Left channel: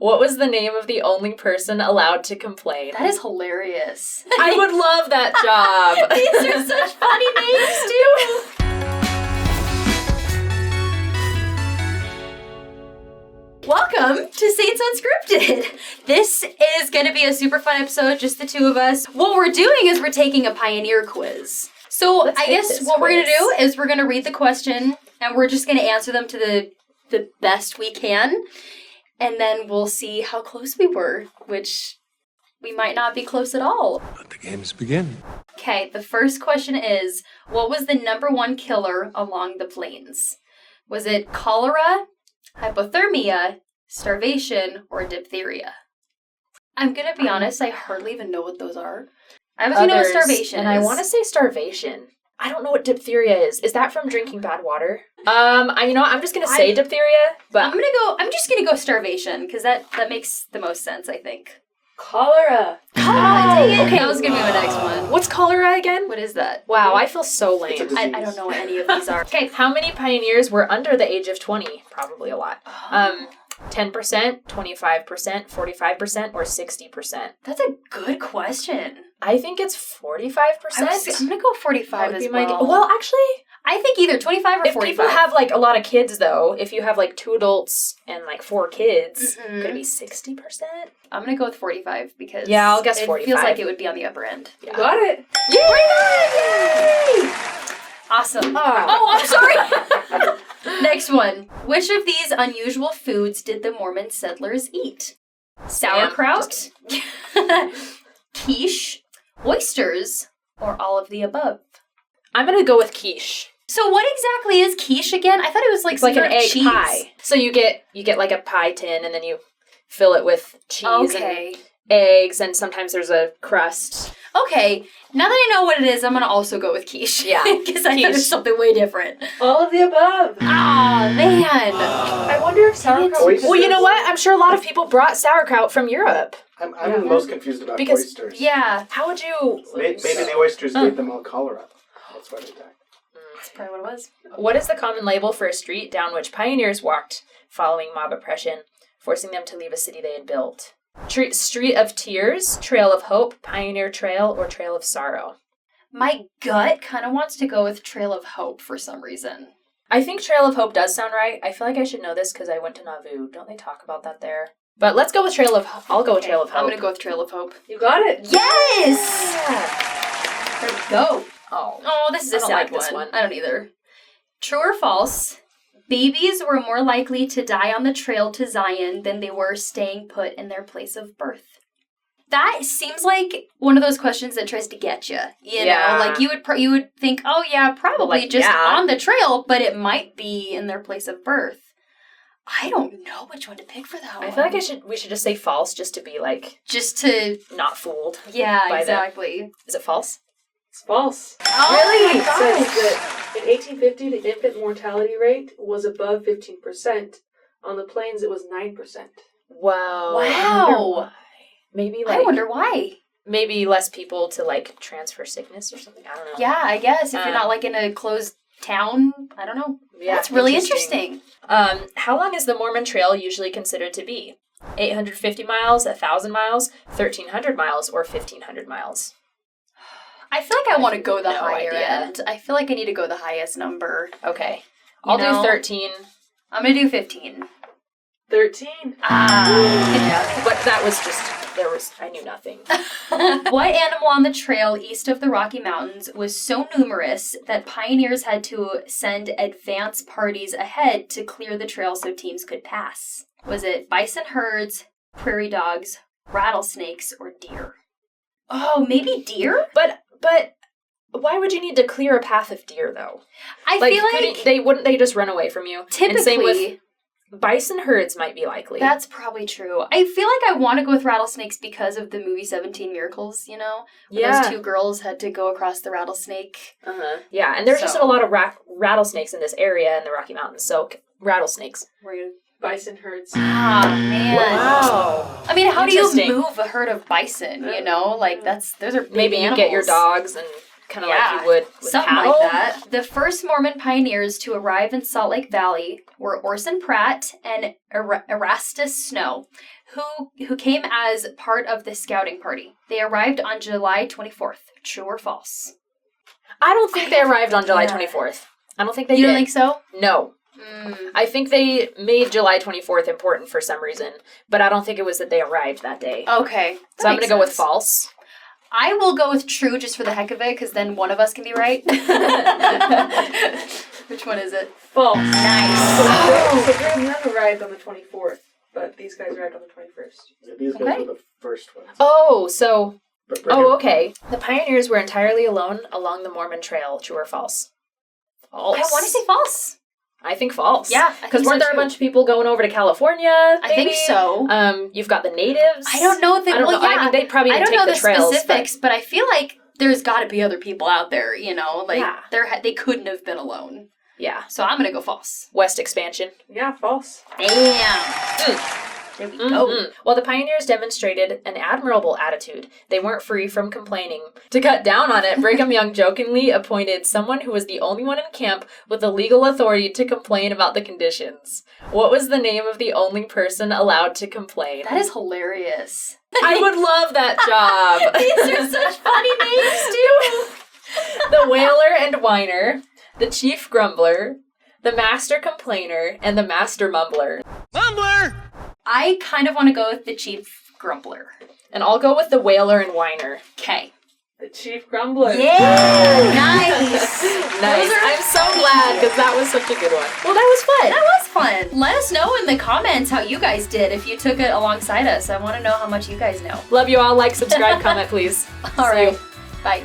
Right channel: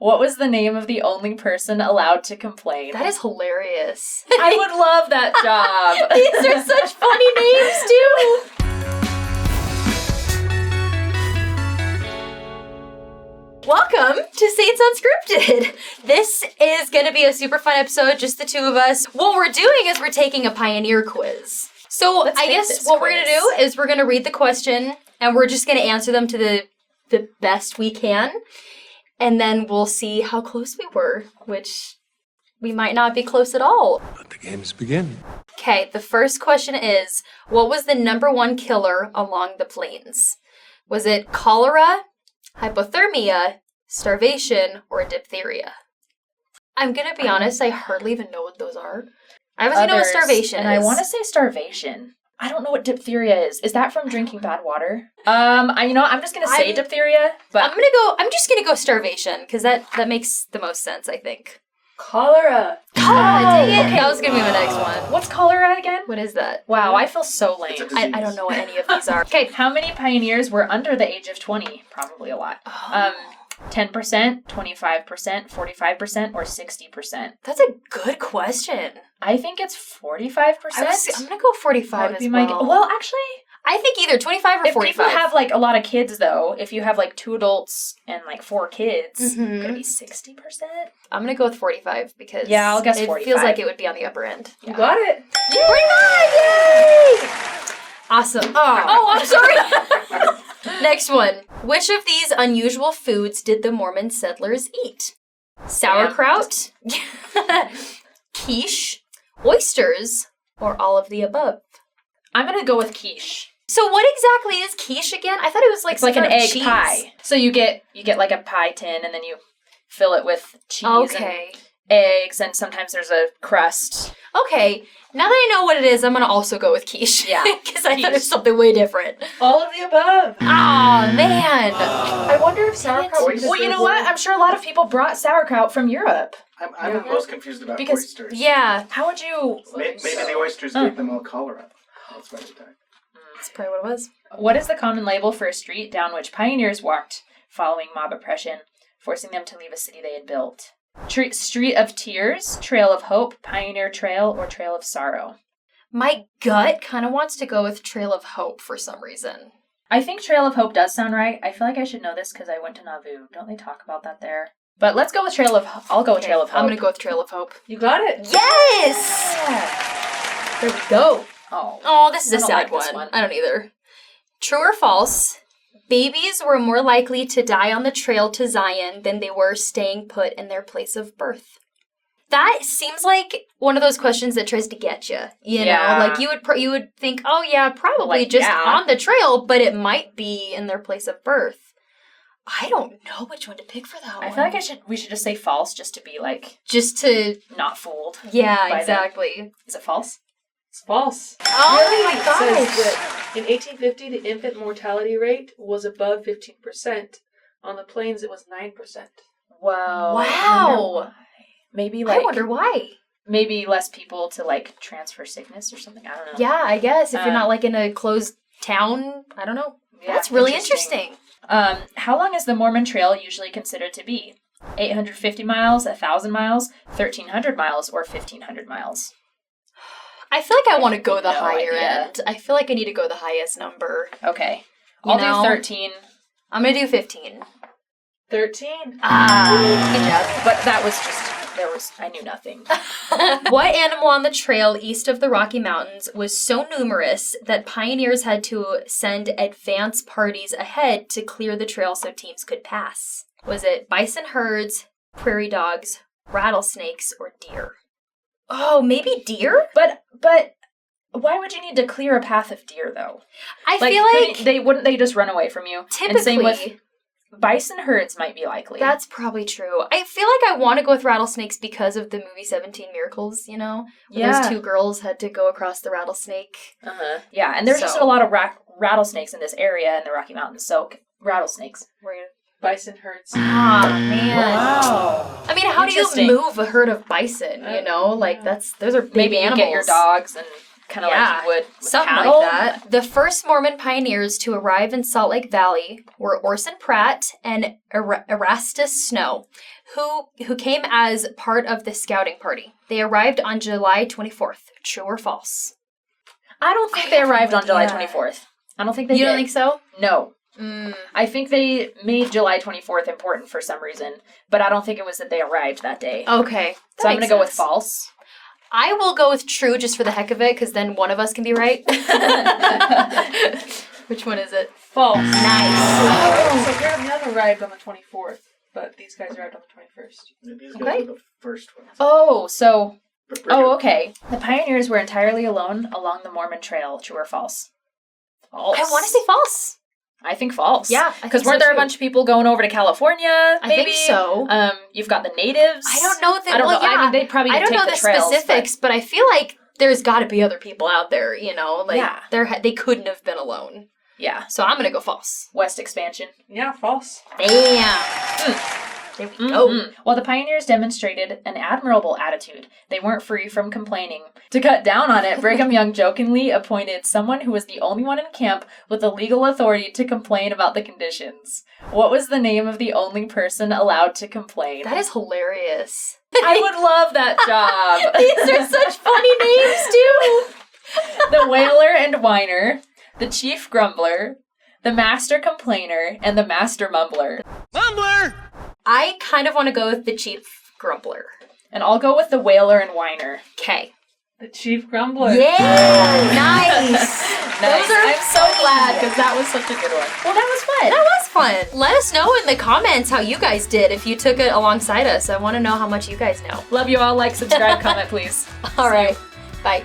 What was the name of the only person allowed to complain? That is hilarious. I would love that job. These are such funny names, too. Welcome to Saints Unscripted. This is going to be a super fun episode, just the two of us. What we're doing is we're taking a Pioneer quiz. So I guess what we're going to do is we're going to read the question, and we're just going to answer them to the best we can. And then we'll see how close we were, which we might not be close at all. Let the games begin. Okay, the first question is, what was the number one killer along the plains? Was it cholera, hypothermia, starvation, or diphtheria? I'm gonna be honest, I hardly even know what those are. I obviously know what starvation is. And I want to say starvation. I don't know what diphtheria is. Is that from drinking bad water? I'm just gonna say diphtheria, but I'm just gonna go starvation, because that makes the most sense, I think. Cholera. Okay. That was gonna be my next one. What's cholera again? What is that? Wow, I feel so lame. I don't know what any of these are. Okay. How many pioneers were under the age of 20? Probably a lot. 10%, 25%, 45%, or 60%? That's a good question. I think it's 45%. I'm gonna go 45 as well. Well, actually, I think either 25 or 45. If people have, a lot of kids, though, if you have, 2 adults and, 4 kids, Mm-hmm. could it be 60%? I'm gonna go with 45 because yeah, I'll guess 45. It feels like it would be on the upper end. You got it. Yay! Awesome. Oh, I'm sorry. Next one. Which of these unusual foods did the Mormon settlers eat? Sauerkraut, quiche, oysters, or all of the above? I'm gonna go with quiche. So what exactly is quiche again? I thought it was it's like an egg cheese. pie. So you get a pie tin and then you fill it with cheese and eggs, and sometimes there's a crust. Okay, now that I know what it is, I'm gonna also go with quiche. Yeah, because I thought it was something way different. All of the above. Ah, man. I wonder if sauerkraut. Well, you know what? I'm sure a lot of people brought sauerkraut from Europe. I'm most confused about Because- oysters. Yeah, How would you? Maybe the oysters gave them all cholera. That's what I think. that's probably what it was. What is the common label for a street down which pioneers walked following mob oppression, forcing them to leave a city they had built? Street of Tears, Trail of Hope, Pioneer Trail, or Trail of Sorrow? My gut kind of wants to go with Trail of Hope for some reason. I think Trail of Hope does sound right. I feel like I should know this because I went to Nauvoo. Don't they talk about that there? But let's go with Trail of Hope. I'll go with Trail of Hope. I'm gonna go with Trail of Hope. You got it. Yes! There we go. Oh, this is a I don't sad like this one. I don't either. True or false? Babies were more likely to die on the trail to Zion than they were staying put in their place of birth. That seems like one of those questions that tries to get you. You know, like you would think, oh yeah, probably on the trail, but it might be in their place of birth. I don't know which one to pick for that one. I feel like we should just say false just to be just to not fooled. Yeah, exactly. Is it false? It's false. Oh, It says that in 1850, the infant mortality rate was above 15%. On the plains, it was 9%. Wow. Wow. Maybe I wonder why. Maybe less people to transfer sickness or something. I don't know. Yeah, I guess if you're not in a closed town, I don't know. Yeah, that's really interesting. How long is the Mormon Trail usually considered to be? 850 miles, 1,000 miles, 1,300 miles, or 1,500 miles? I feel like I want to go the higher idea. end. I feel like I need to go the highest number. Okay. I'll do 13. I'm going to do 15. 13. Yeah, but that was I knew nothing. What animal on the trail east of the Rocky Mountains was so numerous that pioneers had to send advance parties ahead to clear the trail so teams could pass? Was it bison herds, prairie dogs, rattlesnakes, or deer? Oh, maybe deer? But why would you need to clear a path of deer though? I feel like wouldn't they just run away from you? Typically, and same with bison herds might be likely. That's probably true. I feel like I want to go with rattlesnakes because of the movie 17 Miracles, you know? When those 2 girls had to go across the rattlesnake. Uh-huh. Yeah, and there's just a lot of rattlesnakes in this area in the Rocky Mountains, so rattlesnakes. We're gonna... Bison herds. Oh, man. Wow. I mean, how do you move a herd of bison, you know? Those are big Maybe you animals. get your dogs and kind of like you would with something cattle. like that. The first Mormon pioneers to arrive in Salt Lake Valley were Orson Pratt and Erastus Snow, who came as part of the scouting party. They arrived on July 24th. True or false? I don't think they arrived on July idea. 24th. I don't think they You did. don't think so? No. I think they made July 24th important for some reason, but I don't think it was that they arrived that day. Okay. So I'm going to go with false. I will go with true just for the heck of it, because then one of us can be right. Which one is it? False. Nice. So Graham arrived on the 24th, but these guys arrived on the 21st. Yeah, these guys Okay. were the first ones. Oh, so... But Oh, okay. The pioneers were entirely alone along the Mormon Trail. True or false? False. I want to say false. I think false. Yeah, I Because think weren't so there a too. bunch of people going over to California, I maybe? think so. You've got the natives. I don't know. I don't know. Yeah, I mean, they probably I didn't don't take know the the trails. specifics, but I feel like there's got to be other people out there. You know, like Yeah. they couldn't have been alone. Yeah. So I'm gonna go false. West expansion. Yeah, false. Damn. There we go. Mhm. While the pioneers demonstrated an admirable attitude, they weren't free from complaining. To cut down on it, Brigham Young jokingly appointed someone who was the only one in camp with the legal authority to complain about the conditions. What was the name of the only person allowed to complain? That is hilarious. I would love that job. These are such funny names too. The wailer and whiner, the chief grumbler, the master complainer, and the master mumbler. I kind of want to go with the chief grumbler. And I'll go with the wailer and whiner. Okay. The chief grumbler. Yeah. Nice. Nice. I'm so glad because that was such a good one. Well, that was fun. That was fun. Let us know in the comments how you guys did if you took it alongside us. I want to know how much you guys know. Love you all. Like, subscribe, comment, please. All right. Bye.